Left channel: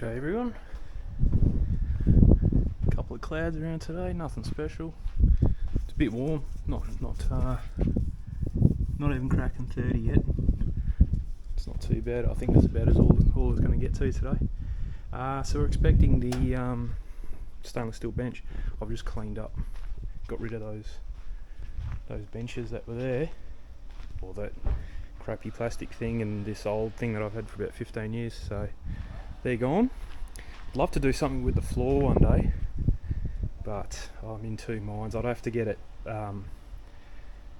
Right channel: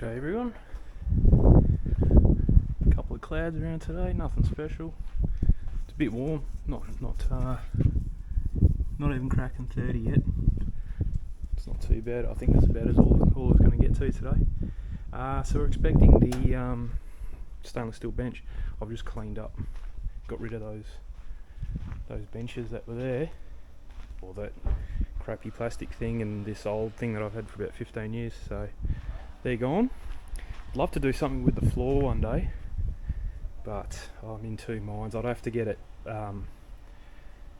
G'day everyone. Couple of clouds around today, nothing special. It's a bit warm, not even cracking 30 yet. It's not too bad. I think that's about as all it's going to get to today. So we're expecting the stainless steel bench. I've just cleaned up, got rid of those benches that were there, or that crappy plastic thing and this old thing that I've had for about 15 years. So they're gone. I'd love to do something with the floor one day, but I'm in two minds. I'd have to get it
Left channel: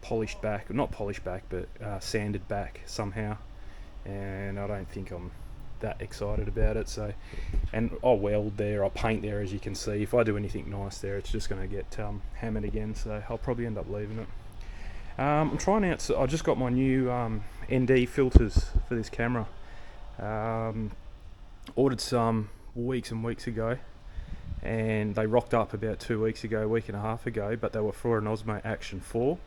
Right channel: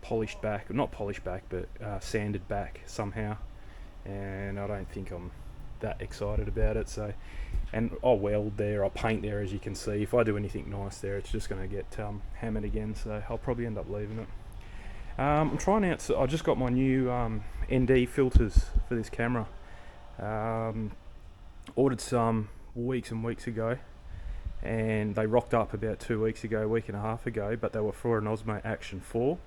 polished back, not polished back, but sanded back somehow, and I don't think I'm that excited about it. So, and I'll weld there, I'll paint there, as you can see. If I do anything nice there, it's just going to get hammered again, so I'll probably end up leaving it. I'm trying out, so I just got my new ND filters for this camera. Ordered some weeks and weeks ago, and they rocked up about 2 weeks ago, week and a half ago, but they were for an Osmo Action 4.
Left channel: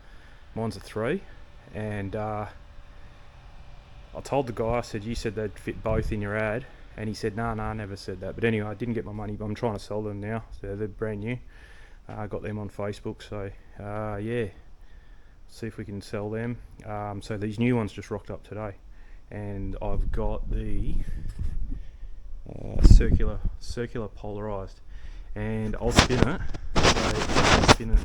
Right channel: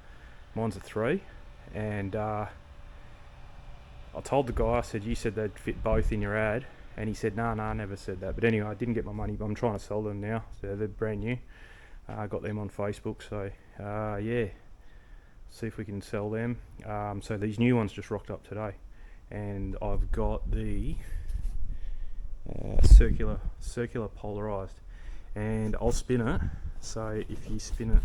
Mine's a 3, and I told the guy, I said, you said they'd fit both in your ad, and he said, nah, I never said that. But anyway, I didn't get my money, but I'm trying to sell them now, so they're brand new. I got them on Facebook, so yeah, see if we can sell them. So these new ones just rocked up today, and I've got the circular polarized, and I'll spin it. So if I spin it,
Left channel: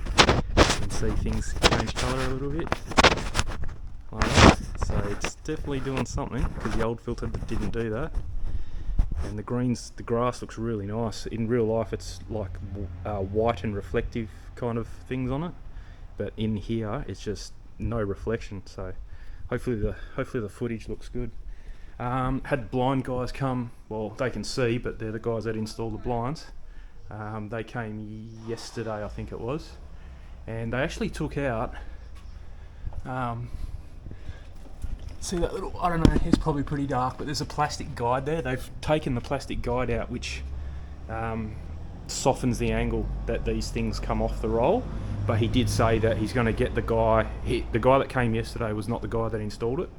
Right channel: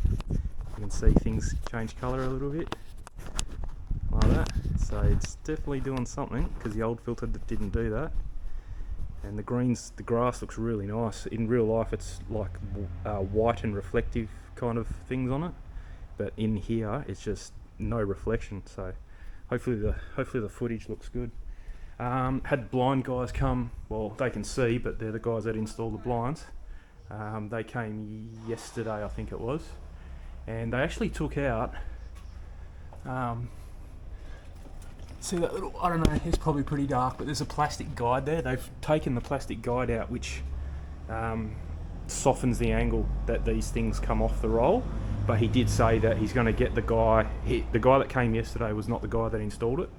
you can see things change colour a little bit like that. So it's definitely doing something, because the old filter didn't do that. And the grass looks really nice. In real life it's like white and reflective kind of things on it, but in here it's just no reflection. So hopefully the footage looks good. Had blind guys come. Well, they can see, but they're the guys that install the blinds. They came yesterday, I think it was, and they actually took out, see that little, I don't know, it's probably pretty dark, but there's a plastic guide there. They've taken the plastic guide out, which softens the angle that these things come off the roll. But he did say that he's going to get the guy that came yesterday was not the guy that installed it.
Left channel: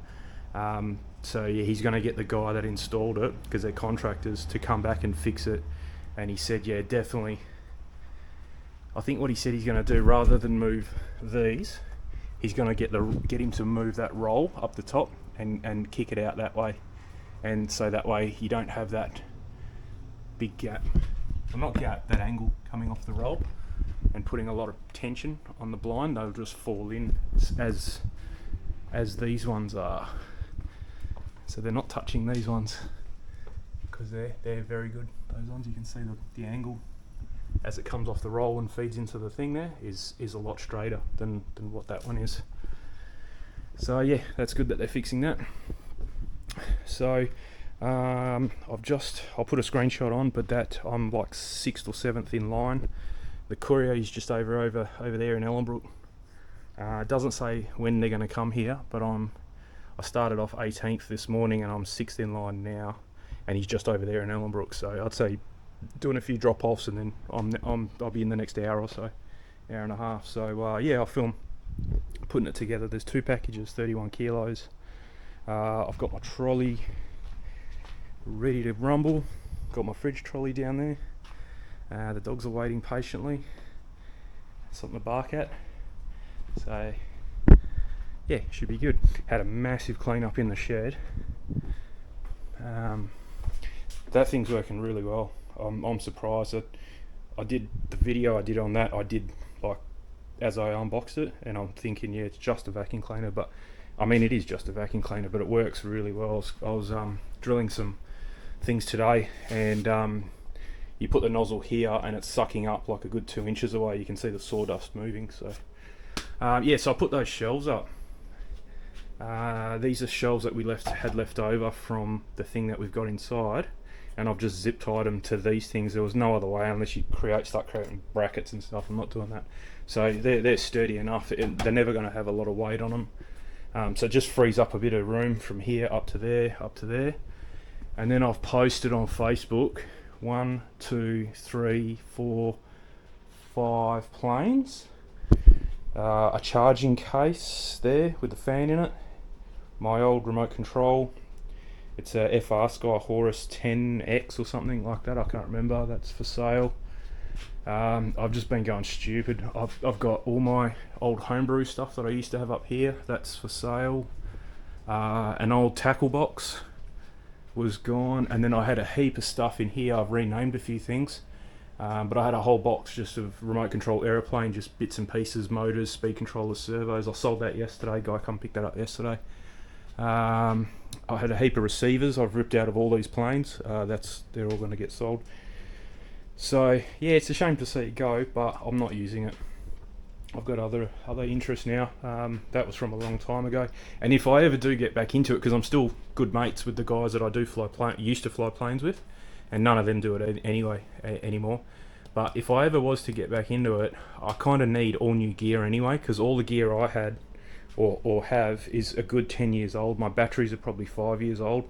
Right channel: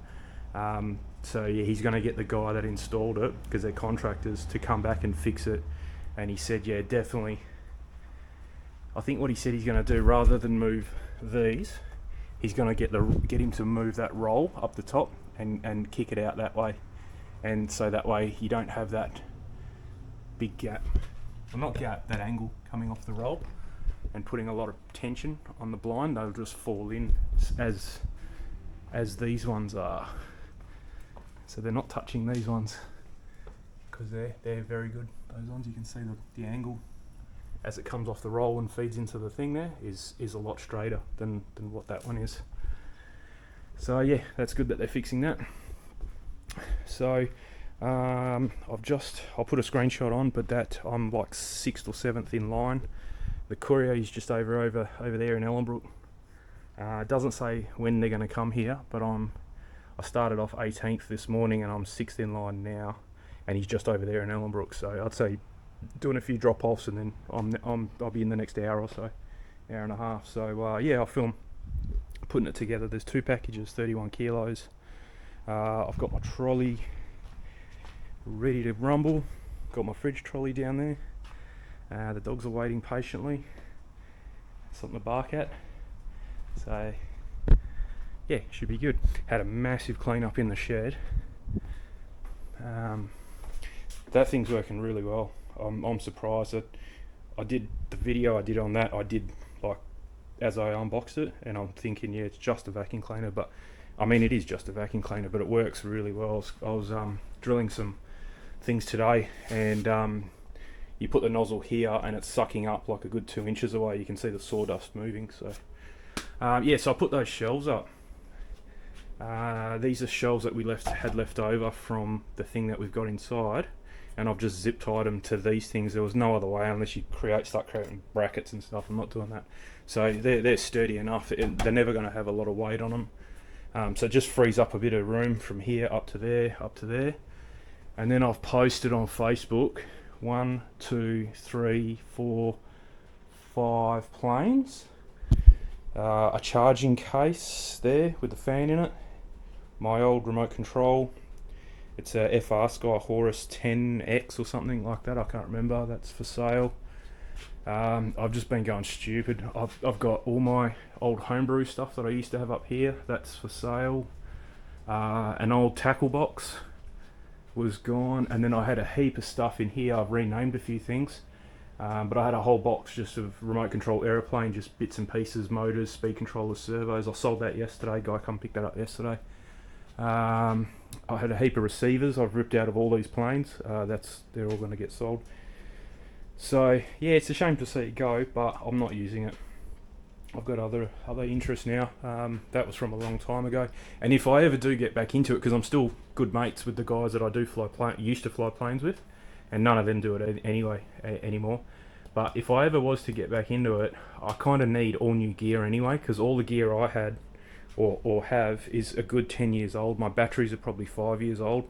So yeah, he's going to get the guy that installed it, because they're contractors, to come back and fix it. And he said, yeah, definitely, I think what he said he's going to do, rather than move these, he's going to get him to move that roll up the top and kick it out that way. And so that way you don't have that big gap, well, not gap, that angle coming off the roll and putting a lot of tension on the blind. They'll just fall in as these ones are. So they're not touching these ones, because they're very good. Those ones, you can see the angle as it comes off the roll and feeds into the thing there is a lot straighter than what that one is. So yeah, that's good that they're fixing that. So I'll put a screenshot on, but that I'm like 6th or 7th in line. The courier is just over there in Ellenbrook. It doesn't say when they're going to come here, but I started off 18th this morning, and I'm 6th in line now, and he's just over there in Ellenbrook. So I'd say doing a few drop-offs, and then I'll be in the next hour or so, hour and a half. So yeah, I'll film putting it together. There's 2 packages, 31 kilos. I've got my trolley ready to rumble. Got my fridge trolley down there. The dogs are waiting patiently. Something to bark at. So yeah, should be good. Had a massive clean up in the shed. That thing's working really well. I'm surprised that I did the video I did on that. I did like as I unboxed it, and I'm thinking, yeah, it's just a vacuum cleaner, but I mean, it is just a vacuum cleaner, but it works really well. I was drilling some things today, and you put the nozzle here, and it's sucking up like a good 2 inches away. You can see the sawdust moving. So yeah, so I put those shelves up. These are shelves that we had left over from the thing that we've got inside, and I've just zip tied them to these things. There was no other way, unless you start creating brackets and stuff. I'm not doing that. So they're sturdy enough. They're never going to have a lot of weight on them. So it just frees up a bit of room from here up to there. And then I've posted on Facebook 1, 2, 3, 4, 5 planes, a charging case there with the fan in it, my old remote control, It's a FR Sky Horus 10X or something like that. I can't remember. That's for sale. I've just been going stupid. I've got all my old homebrew stuff that I used to have up here. That's for sale. An old tackle box was gone, and then I had a heap of stuff in here. I've renamed a few things, but I had a whole box just of remote control aeroplane, just bits and pieces, motors, speed controllers, servos. I sold that yesterday. Guy come pick that up yesterday. I had a heap of receivers I've ripped out of all these planes. They're all going to get sold. So yeah, it's a shame to see it go, but I'm not using it. I've got other interests now. That was from a long time ago, and if I ever do get back into it, because I'm still good mates with the guys that I do used to fly planes with, and none of them do it anyway anymore. But if I ever was to get back into it, I kind of need all new gear anyway, because all the gear I had or have is a good 10 years old. My batteries are probably 5 years old.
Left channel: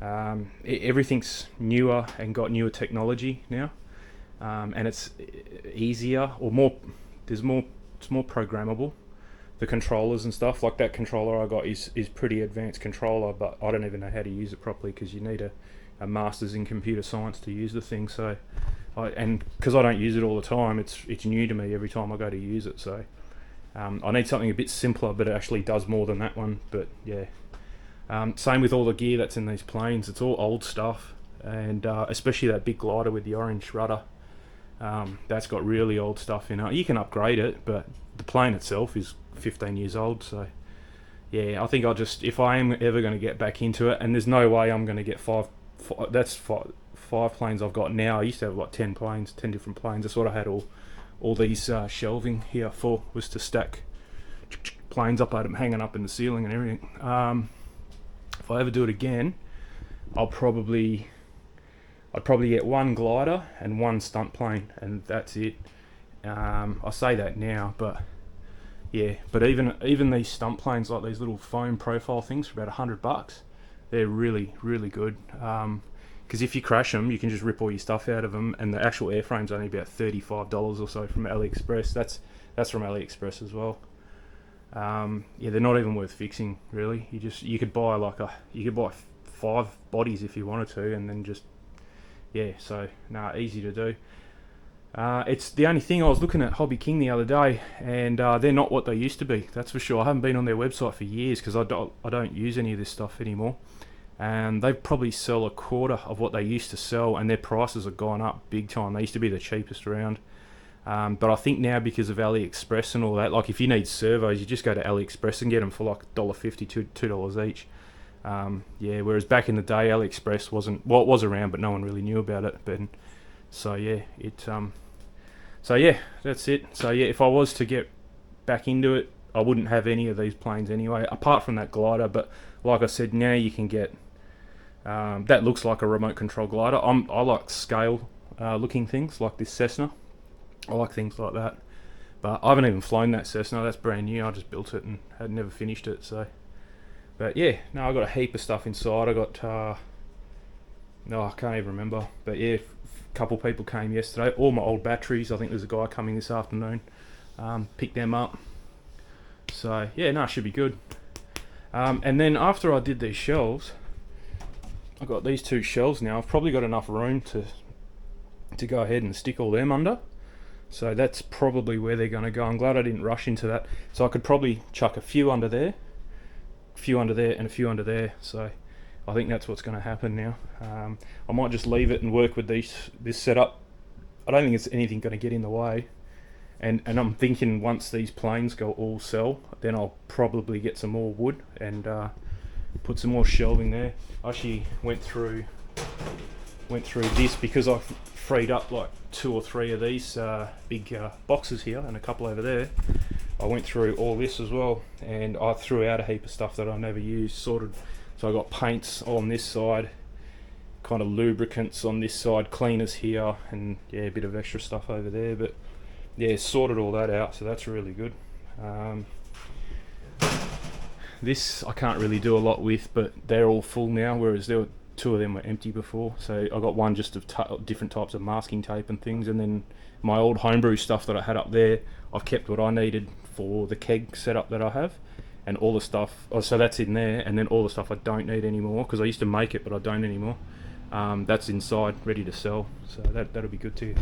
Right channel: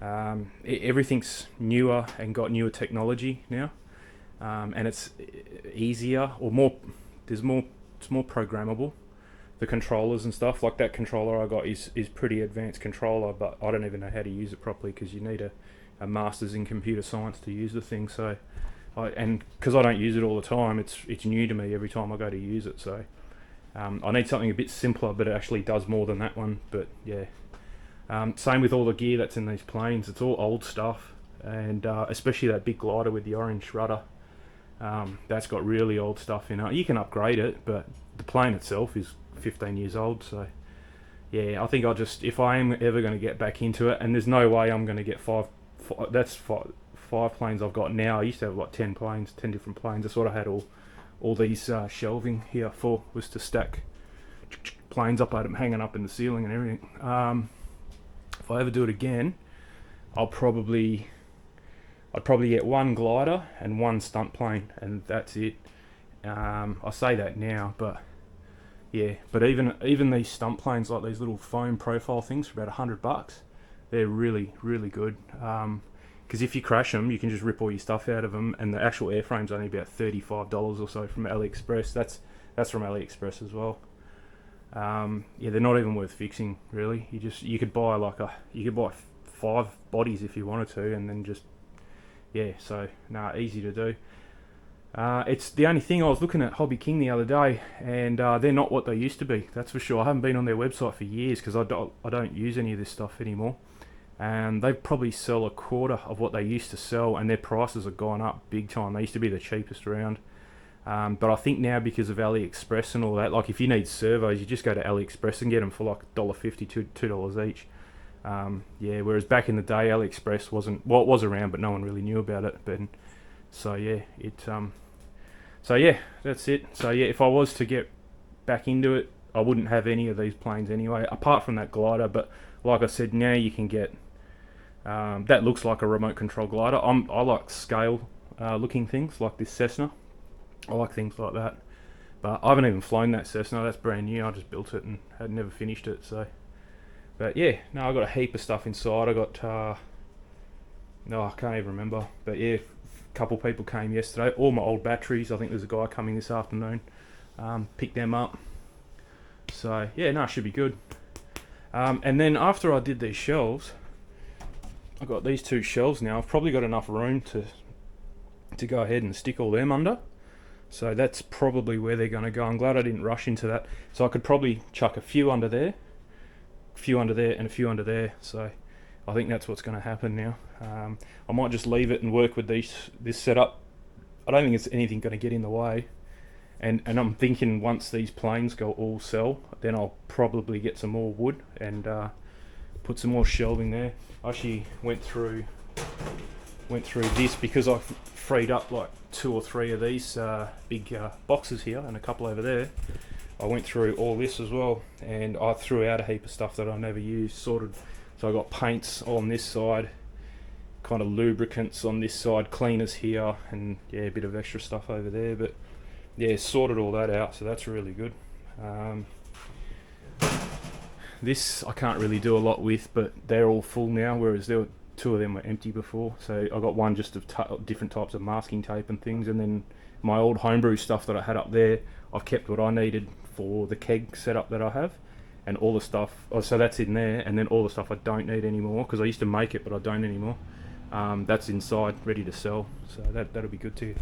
Everything's newer and got newer technology now, and it's easier or more. It's more programmable. The controllers and stuff, like that controller I got is pretty advanced controller, but I don't even know how to use it properly, because you need a master's in computer science to use the thing. So and because I don't use it all the time, it's new to me every time I go to use it. So I need something a bit simpler, but it actually does more than that one. But yeah, same with all the gear that's in these planes. It's all old stuff, and especially that big glider with the orange rudder. That's got really old stuff in it. You can upgrade it, but the plane itself is 15 years old. So yeah, I think if I am ever going to get back into it, and there's no way I'm going to get five planes I've got now. I used to have like 10 different planes. That's what I had all these shelving here for, was to stack planes up. I had them hanging up in the ceiling and everything. If I ever do it again, I'd probably get one glider and one stunt plane, and that's it. I say that now, but yeah. But even these stunt planes, like these little foam profile things, for about $100, they're really, really good. Because if you crash them, you can just rip all your stuff out of them, and the actual airframe's only about $35 or so from AliExpress. That's from AliExpress as well. Yeah, they're not even worth fixing, really. You could buy 5 bodies if you wanted to, and then just so easy to do. It's the only thing. I was looking at Hobby King the other day, and they're not what they used to be, that's for sure. I haven't been on their website for years, because I don't use any of this stuff anymore, and they probably sell a quarter of what they used to sell, and their prices have gone up big time. They used to be the cheapest around, but I think now, because of AliExpress and all that, like if you need servos, you just go to AliExpress and get them for like $1.50, $2 each. Whereas back in the day, AliExpress it was around, but no one really knew about it. But that's it. So yeah, if I was to get back into it, I wouldn't have any of these planes anyway, apart from that glider. But like I said, now you can get that looks like a remote control glider. I like scale looking things like this Cessna. I like things like that, but I haven't even flown that Cessna. That's brand new. I just built it and had never finished it. So. But yeah, I got a heap of stuff inside. I got, I can't even remember. But yeah, a couple people came yesterday. All my old batteries. I think there's a guy coming this afternoon. Pick them up. So yeah, it should be good. And then after I did these shelves, I got these 2 shelves now. I've probably got enough room to go ahead and stick all them under. So that's probably where they're going to go. I'm glad I didn't rush into that. So I could probably chuck a few under there, and a few under there. So I think that's what's going to happen now. I might just leave it and work with this setup. I don't think it's anything going to get in the way, and I'm thinking once these planes go all sell, then I'll probably get some more wood and put some more shelving there. I actually went through this because I freed up like 2 or 3 of these big boxes here and a couple over there. I went through all this as well, and I threw out a heap of stuff that I never used, sorted. So I got paints on this side, kind of lubricants on this side, cleaners here, and yeah, a bit of extra stuff over there. But yeah, sorted all that out, so that's really good. This I can't really do a lot with, but they're all full now, whereas 2 of them were empty before. So I got one just of different types of masking tape and things, and then my old homebrew stuff that I had up there, I've kept what I needed for the keg setup that I have, and all the stuff. Oh, so that's in there, and then all the stuff I don't need anymore because I used to make it, but I don't anymore. That's inside, ready to sell. So that'll be good to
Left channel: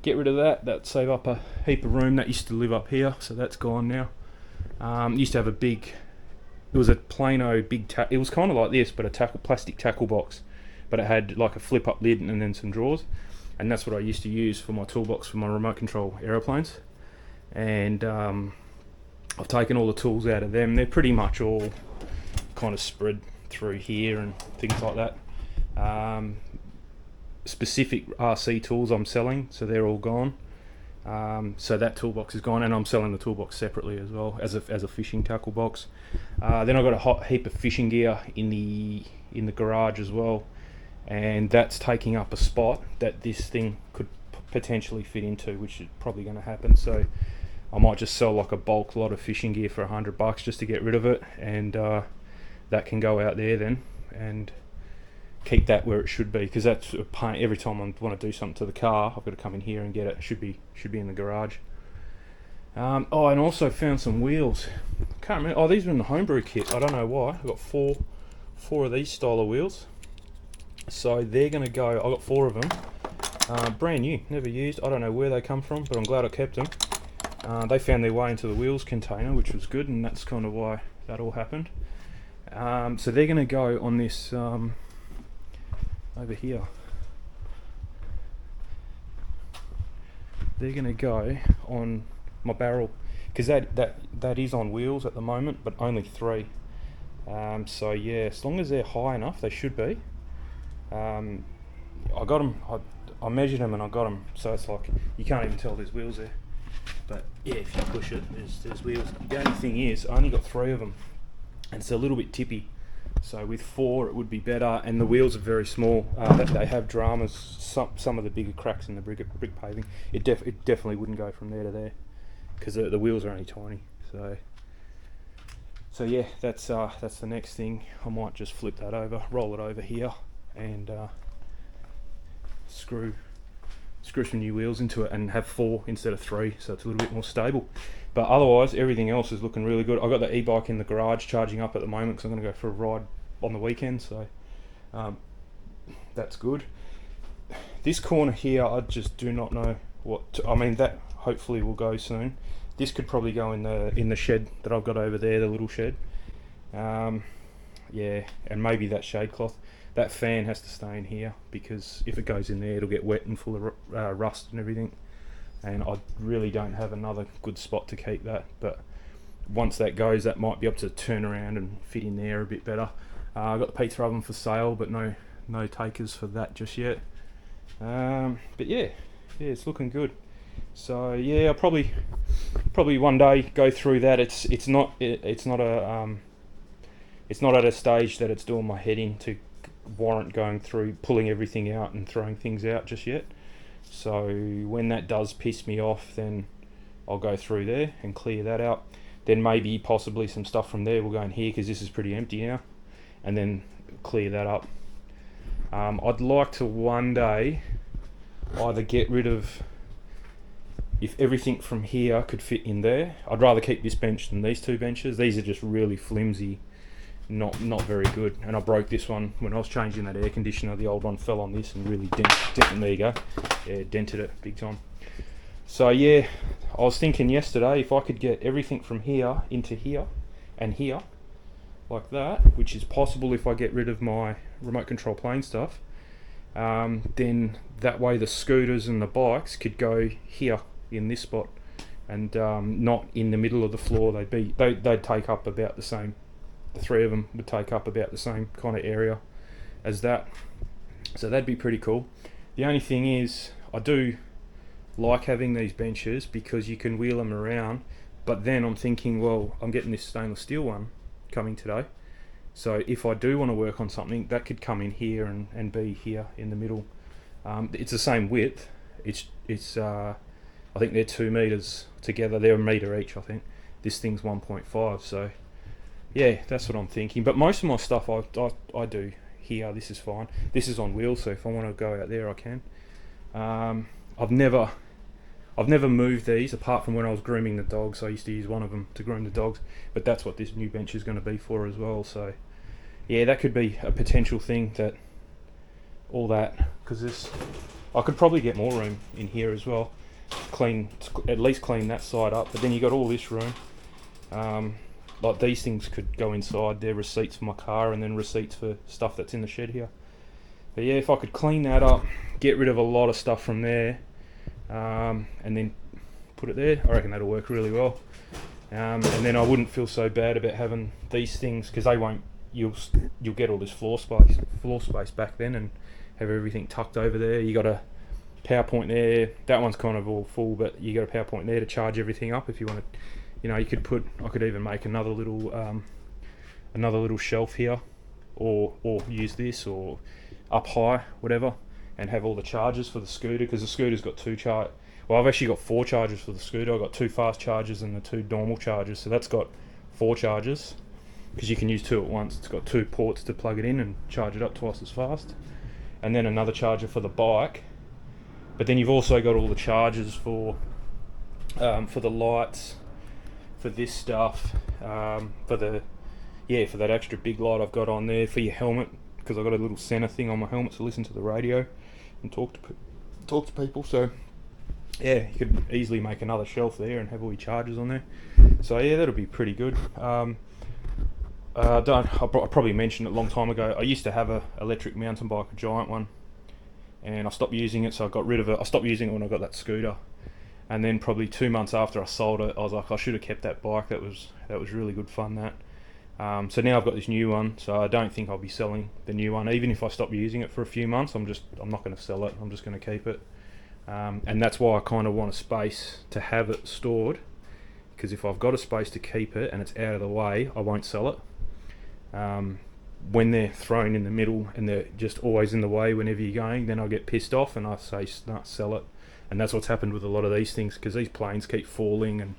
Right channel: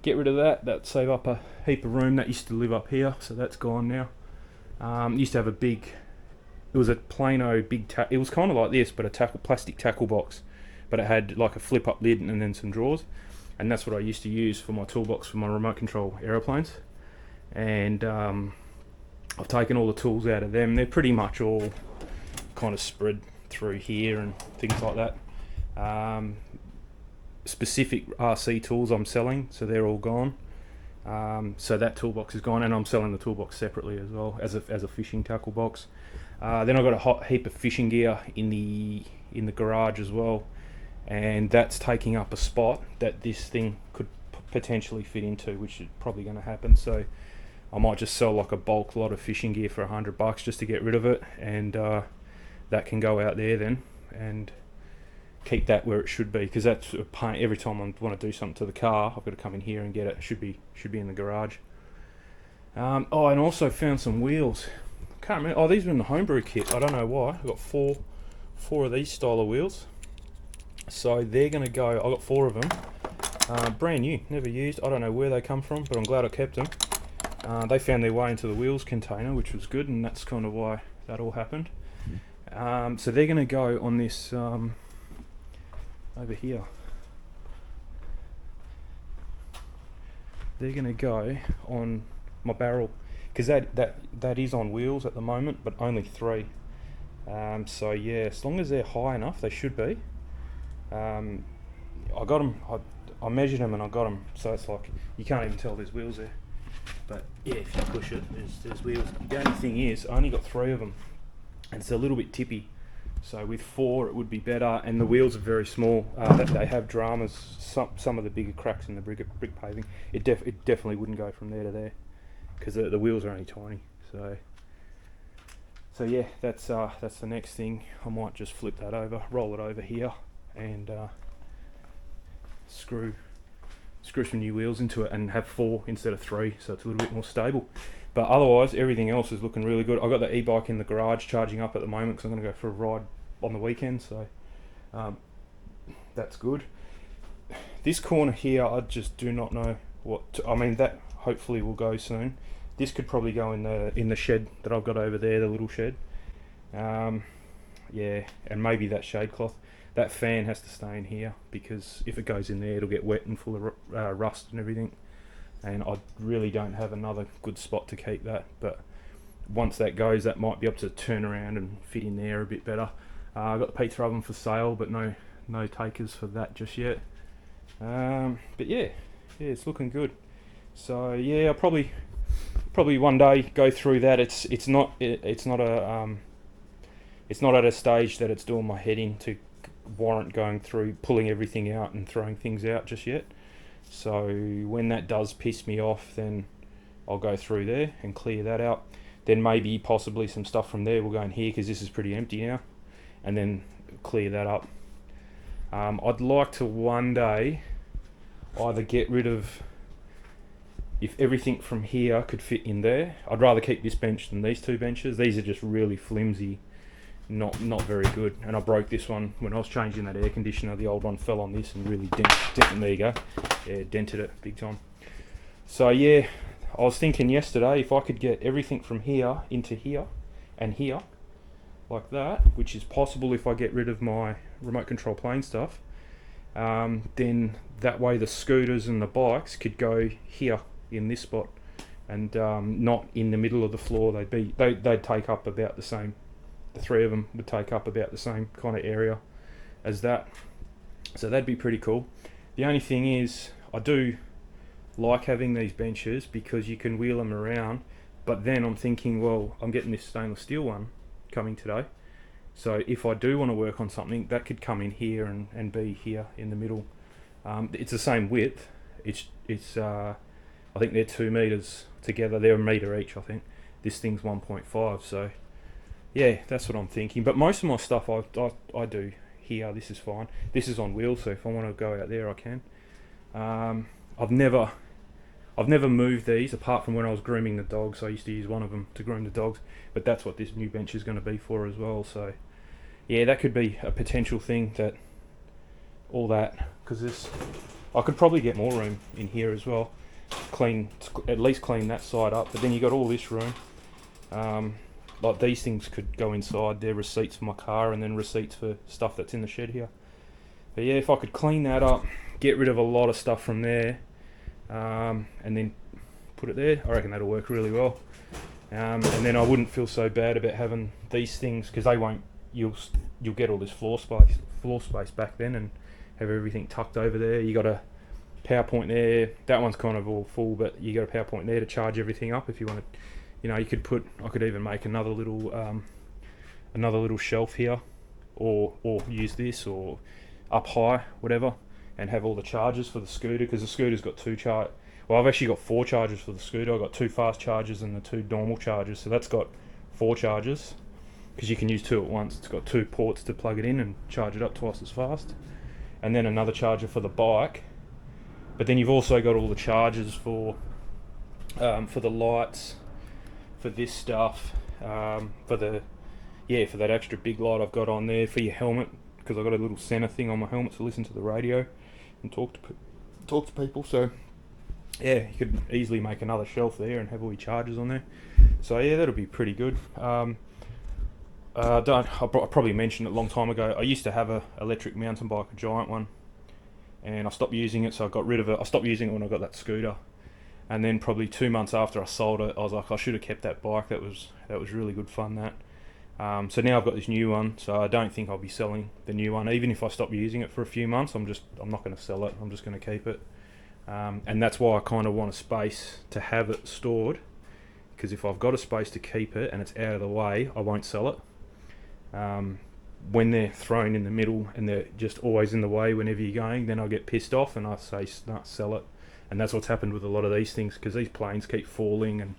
get rid of that. That save up a heap of room. That used to live up here, so that's gone now. Used to have a big. It was a Plano big. It was kind of like this, but a plastic tackle box, but it had like a flip up lid and then some drawers, and that's what I used to use for my toolbox for my remote control aeroplanes. And I've taken all the tools out of them. They're pretty much all kind of spread through here and things like that. Specific RC tools I'm selling, so they're all gone. So that toolbox is gone, and I'm selling the toolbox separately as well as a fishing tackle box. Then I've got a hot heap of fishing gear in the garage as well, and that's taking up a spot that this thing could potentially fit into, which is probably going to happen. So I might just sell like a bulk lot of fishing gear for $100 just to get rid of it, and that can go out there then and keep that where it should be, because that's a pain. Every time I want to do something to the car, I've got to come in here and get it. It should be in the garage. Oh, and also found some wheels. Can't remember. Oh, these were in the homebrew kit. I don't know why. I've got four of these style of wheels. So they're going to go. I got 4 of them. Brand new, never used. I don't know where they come from, but I'm glad I kept them. They found their way into the wheels container, which was good, and that's kind of why that all happened. So they're going to go on this over here. They're going to go on my barrel, because that is on wheels at the moment, but only 3. So yeah, as long as they're high enough, they should be. I got them. I measured them and I got them, so it's like you can't even tell there's wheels there. But yeah, if you push it, there's wheels. The only thing is, I only got 3 of them, and it's a little bit tippy. So with 4, it would be better, and the wheels are very small. They have dramas. Some of the bigger cracks in the brick paving. It definitely wouldn't go from there to there, because the wheels are only tiny. So yeah, that's the next thing. I might just flip that over, roll it over here, and screw some new wheels into it, and have 4 instead of 3, so it's a little bit more stable. But otherwise, everything else is looking really good. I've got the e-bike in the garage charging up at the moment, because I'm going to go for a ride on the weekend, so that's good. This corner here, I just do not know I mean, that hopefully will go soon. This could probably go in the shed that I've got over there, the little shed. Yeah, and maybe that shade cloth. That fan has to stay in here, because if it goes in there, it'll get wet and full of rust and everything. And I really don't have another good spot to keep that. But once that goes, that might be able to turn around and fit in there a bit better. I've got the pizza oven for sale, but no takers for that just yet. But yeah, it's looking good. So yeah, I'll probably one day go through that. It's not at a stage that it's doing my head in to warrant going through pulling everything out and throwing things out just yet. So when that does piss me off, then I'll go through there and clear that out. Then maybe possibly some stuff from there will go in here, because this is pretty empty now, and then clear that up. I'd like to one day either get rid of, if everything from here could fit in there, I'd rather keep this bench than these 2 benches. These are just really flimsy, not very good, and I broke this one when I was changing that air conditioner. The old one fell on this and really dented. There you go. Yeah, dented it big time. So yeah, I was thinking yesterday, if I could get everything from here into here and here like that, which is possible if I get rid of my remote control plane stuff, then that way the scooters and the bikes could go here in this spot, and not in the middle of the floor. They'd take up about the same. The 3 of them would take up about the same kind of area as that, so that'd be pretty cool. The only thing is, I do like having these benches because you can wheel them around, but then I'm thinking, well, I'm getting this stainless steel one coming today, so if I do want to work on something, that could come in here and be here in the middle. It's the same width. It's I think they're 2 meters together. They're a meter each, I think. This thing's 1.5, so yeah, that's what I'm thinking. But most of my stuff I do here. This is fine. This is on wheels, so if I want to go out there, I can. I've never moved these apart from when I was grooming the dogs. I used to use one of them to groom the dogs, but that's what this new bench is going to be for as well. So yeah, that could be a potential thing, that all that, because this, I could probably get more room in here as well, at least clean that side up, but then you got all this room. Like these things could go inside. They're receipts for my car and then receipts for stuff that's in the shed here. But yeah, if I could clean that up, get rid of a lot of stuff from there, and then put it there, I reckon that'll work really well. And then I wouldn't feel so bad about having these things, because they won't. You'll get all this floor space back then, and have everything tucked over there. You got a power point there. That one's kind of all full, but you got a power point there to charge everything up if you want to. You know, you could put. I could even make another little shelf here, or use this, or up high, whatever, and have all the chargers for the scooter, because the scooter's got I've actually got 4 chargers for the scooter. I've got 2 fast chargers and the 2 normal chargers, so that's got 4 chargers, because you can use 2 at once. It's got 2 ports to plug it in and charge it up twice as fast, and then another charger for the bike. But then you've also got all the chargers for the lights, for this stuff, for that extra big light I've got on there, for your helmet, because I've got a little center thing on my helmet to listen to the radio and talk to people. So yeah, you could easily make another shelf there and have all your chargers on there. So yeah, that'll be pretty good. I probably mentioned it a long time ago. I used to have a electric mountain bike, a giant one, and I stopped using it, so I got rid of it. I stopped using it when I got that scooter. And then probably 2 months after I sold it, I was like, I should have kept that bike. That was really good fun, that. So now I've got this new one, so I don't think I'll be selling the new one. Even if I stop using it for a few months, I'm not going to sell it. I'm just going to keep it. And that's why I kind of want a space to have it stored, because if I've got a space to keep it and it's out of the way, I won't sell it. When they're thrown in the middle and they're just always in the way whenever you're going, then I'll get pissed off and I say, nah, sell it. And that's what's happened with a lot of these things, because these planes keep falling, and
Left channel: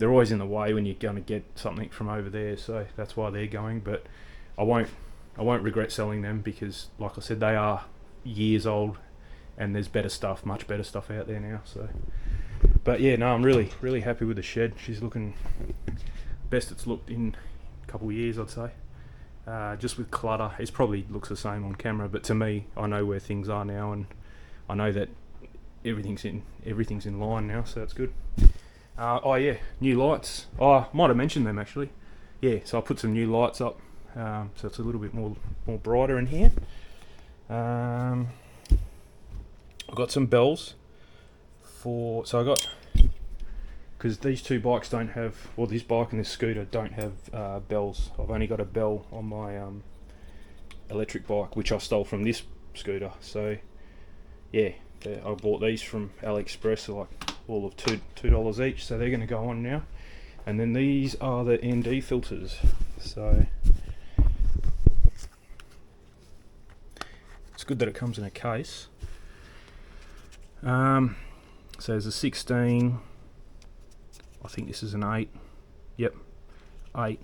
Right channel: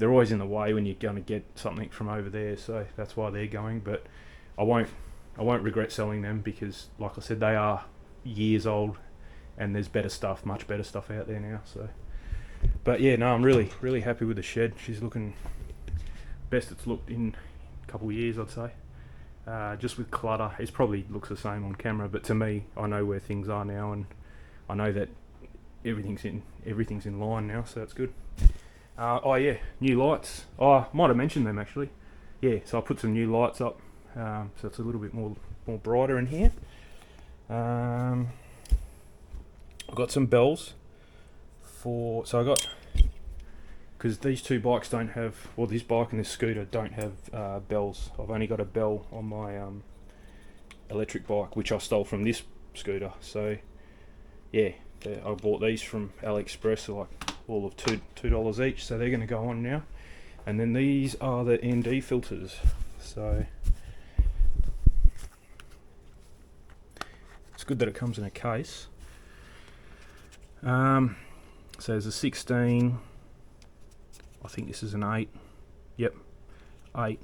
they're always in the way when you're going to get something from over there. So that's why they're going. But I won't regret selling them, because, like I said, they are years old, and there's much better stuff out there now. So, but yeah, no, I'm really happy with the shed. She's looking best it's looked in a couple of years, I'd say. Just with clutter, it probably looks the same on camera, but to me, I know where things are now, and I know that everything's in line now, so that's good. Oh yeah, new lights. Oh, I might have mentioned them actually. Yeah, so I put some new lights up, so it's a little bit more brighter in here. I've got some bells because these 2 bikes don't have, well, this bike and this scooter don't have bells. I've only got a bell on my electric bike, which I stole from this scooter. So yeah, I bought these from AliExpress, so like all of $2 each, so they're going to go on now. And then these are the ND filters. So it's good that it comes in a case. So there's a 16. I think this is an 8. Yep, 8.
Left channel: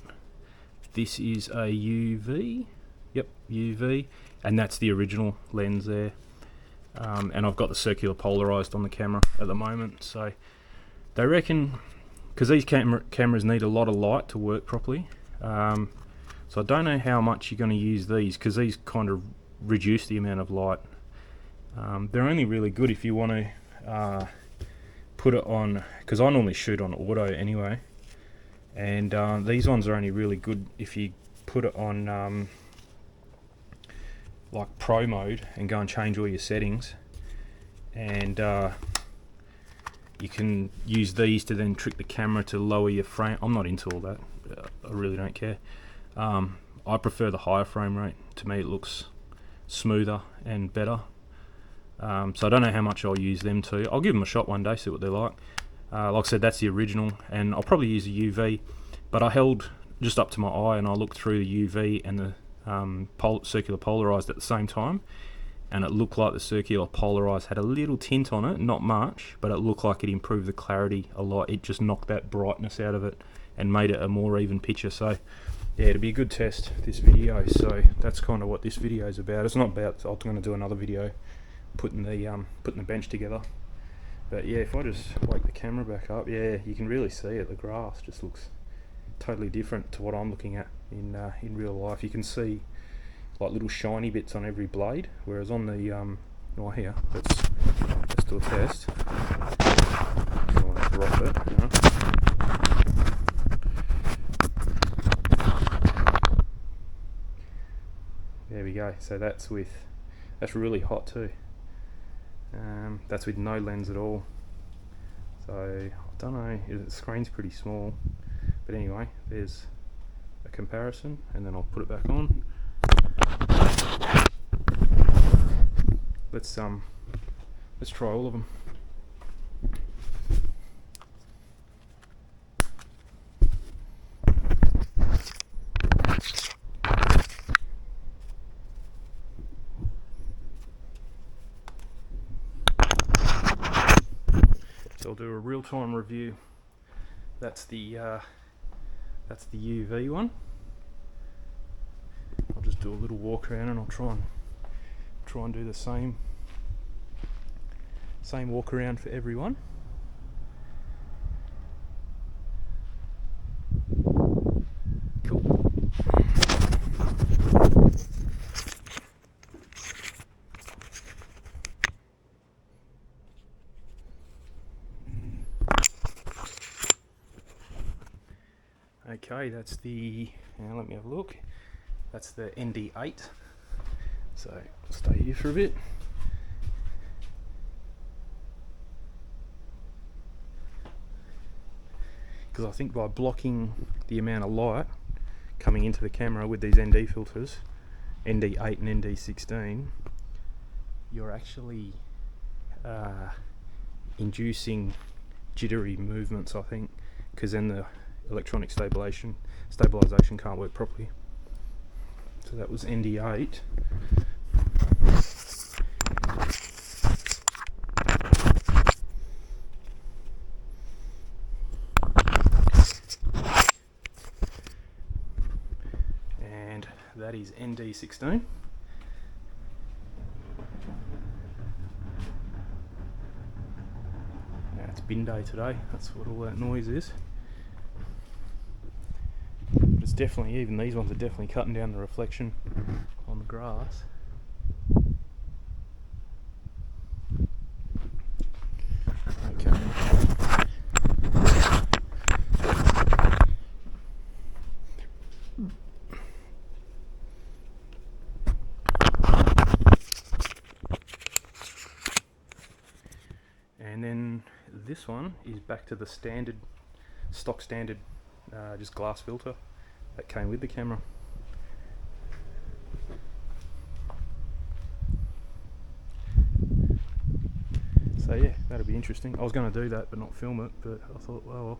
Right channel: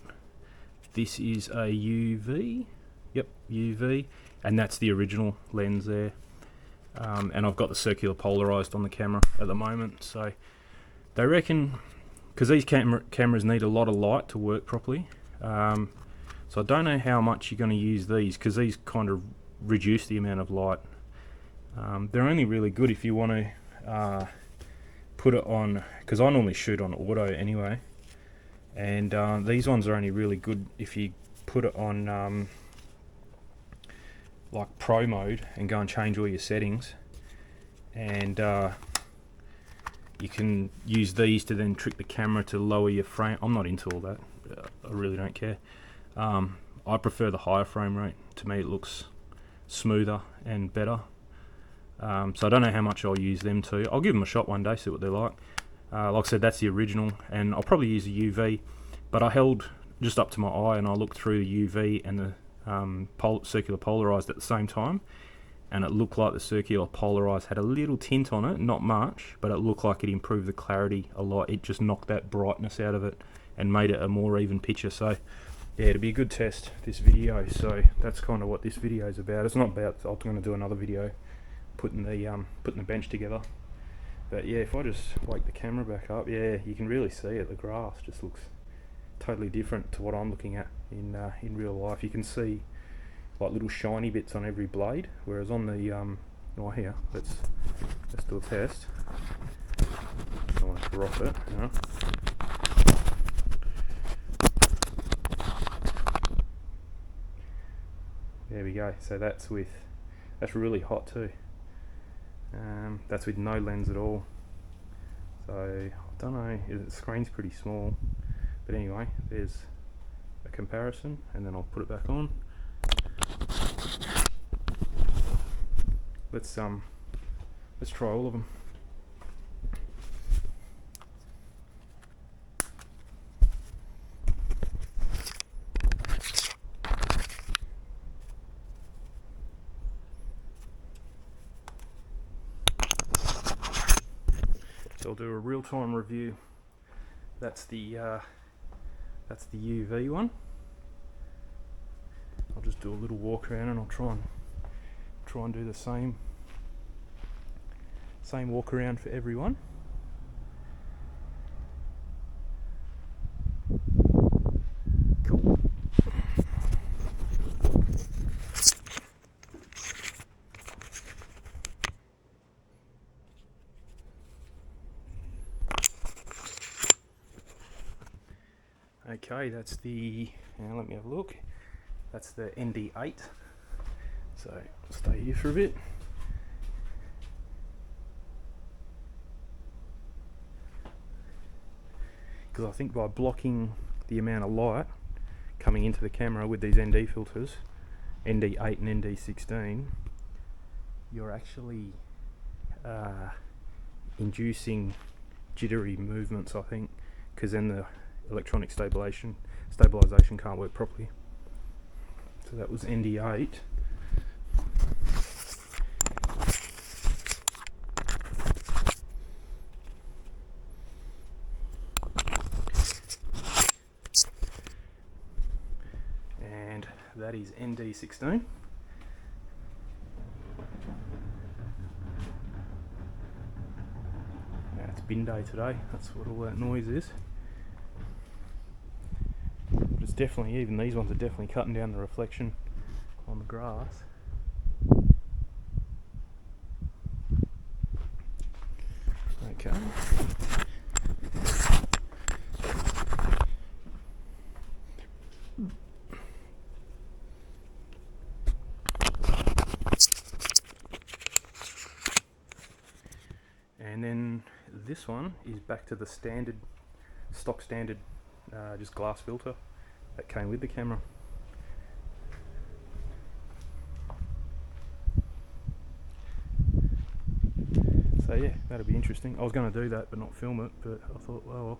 This is a UV. Yep, UV, and that's the original lens there. And I've got the circular polarized on the camera at the moment. So they reckon, because these cameras need a lot of light to work properly, so I don't know how much you're going to use these, because these kind of reduce the amount of light. They're only really good if you want to put it on, because I normally shoot on auto anyway, and these ones are only really good if you put it on like pro mode and go and change all your settings, and you can use these to then trick the camera to lower your frame. I'm not into all that. I really don't care. I prefer the higher frame rate. To me it looks smoother and better. So I don't know how much I'll use them too. I'll give them a shot one day, see what they're like. Like I said, that's the original, and I'll probably use a UV, but I held just up to my eye and I looked through the UV and the circular polarized at the same time, and it looked like the circular polarized had a little tint on it, not much, but it looked like it improved the clarity a lot. It just knocked that brightness out of it and made it a more even picture. So yeah, it'll be a good test, this video. So that's kind of what this video is about. It's not about, I'm going to do another video putting the bench together. But yeah, if I just wake the camera back up, yeah, you can really see it. The grass just looks totally different to what I'm looking at in real life. You can see like little shiny bits on every blade, whereas on the right here, let's do a test. I don't want to drop it, you know. There we go. So that's really hot too. That's with no lens at all. So I don't know, the screen's pretty small, but anyway, there's a comparison, and then I'll put it back on. Let's try all of them. So I'll do a real-time review. That's the UV one. I'll just do a little walk around, and I'll try and do the same walk around for everyone. Cool. Okay, that's now let me have a look. That's the ND8. So I'll stay here for a bit. Because I think by blocking the amount of light coming into the camera with these ND filters, ND8 and ND16, you're actually inducing jittery movements, I think, because then the electronic stabilization can't work properly. So that was ND8. And that is ND16. Now it's bin day today, that's what all that noise is. But it's definitely, even these ones are definitely cutting down the reflection on the grass. Okay. And then this one is back to the stock standard just glass filter that came with the camera. So yeah, that'll be interesting. I was going to do that but not film it, but I thought, well,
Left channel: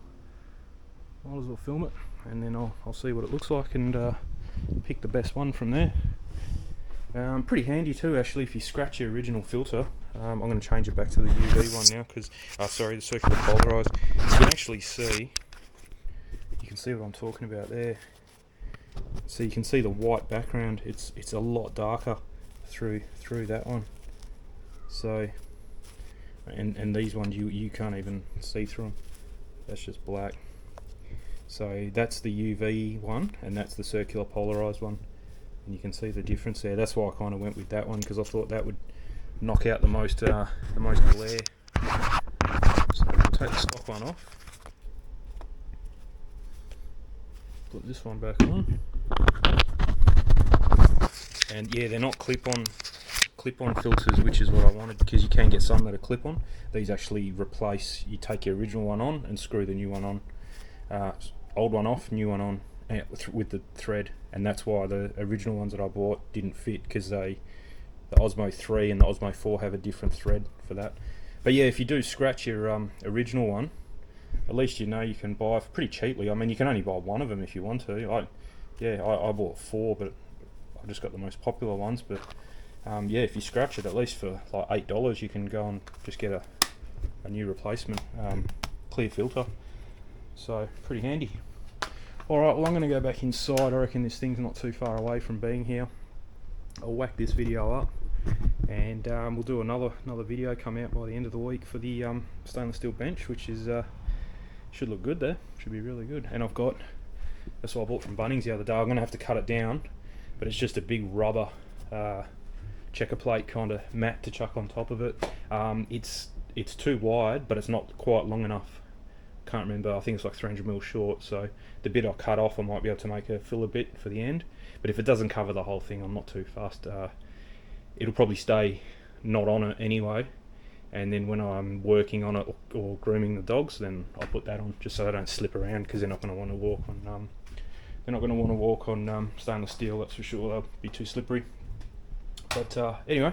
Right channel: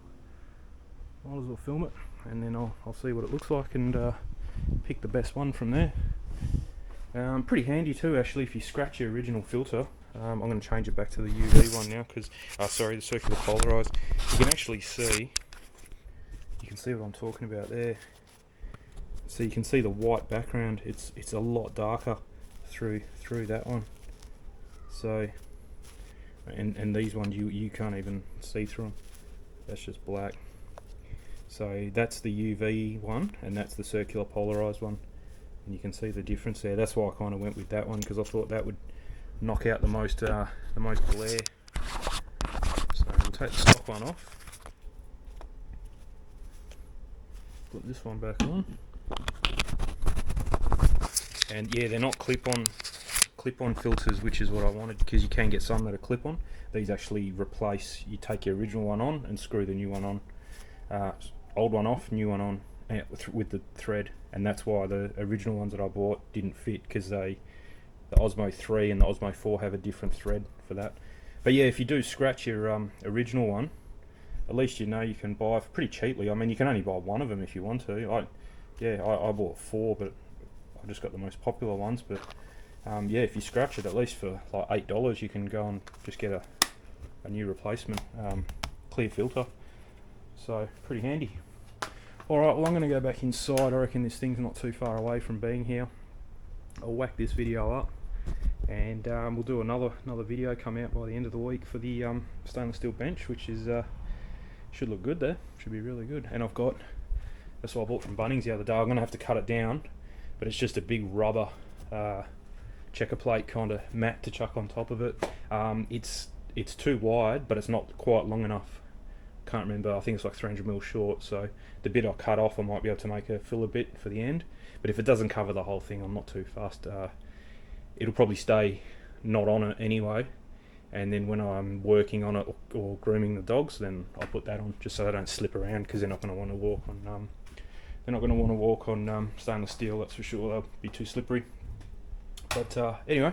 might as well film it, and then I'll see what it looks like and pick the best one from there. Pretty handy too, actually, if you scratch your original filter. I'm going to change it back to the UV one now, because sorry, the circular polarized. You can actually see. You can see what I'm talking about there. So you can see the white background. It's a lot darker through that one. So, and these ones you can't even see through them. That's just black. So that's the UV one, and that's the circular polarized one. And you can see the difference there. That's why I kind of went with that one, because I thought that would knock out the most glare. So we'll take the stock one off. Put this one back on. And yeah, they're not clip-on filters, which is what I wanted, because you can get some that are clip-on. These actually replace, you take your original one on and screw the new one on. Old one off, new one on, with the thread. And that's why the original ones that I bought didn't fit, because the Osmo 3 and the Osmo 4 have a different thread for that. But yeah, if you do scratch your original one, at least you know you can buy pretty cheaply. I mean, you can only buy one of them if you want to. I bought 4, but I just got the most popular ones. But yeah, if you scratch it, at least for like $8, you can go and just get a new replacement clear filter. So pretty handy. Alright, well, I'm going to go back inside. I reckon this thing's not too far away from being here. I'll whack this video up, and we'll do another video come out by the end of the week for the stainless steel bench, which is should look good there. Should be really good. And I've got, that's what I bought from Bunnings the other day. I'm gonna have to cut it down, but it's just a big rubber checker plate kind of mat to chuck on top of it. It's too wide, but it's not quite long enough. Can't remember, I think it's like 300mm short, so the bit I cut off I might be able to make a filler bit for the end, but if it doesn't cover the whole thing I'm not too fussed. It'll probably stay not on it anyway, and then when I'm working on it or grooming the dogs, then I'll put that on just so they don't slip around, because they're not going to want to walk on stainless steel, that's for sure. They'll be too slippery. But anyway,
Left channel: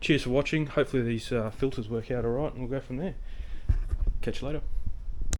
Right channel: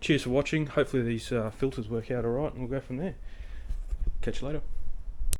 cheers for watching. Hopefully these filters work out alright, and we'll go from there. Catch you later.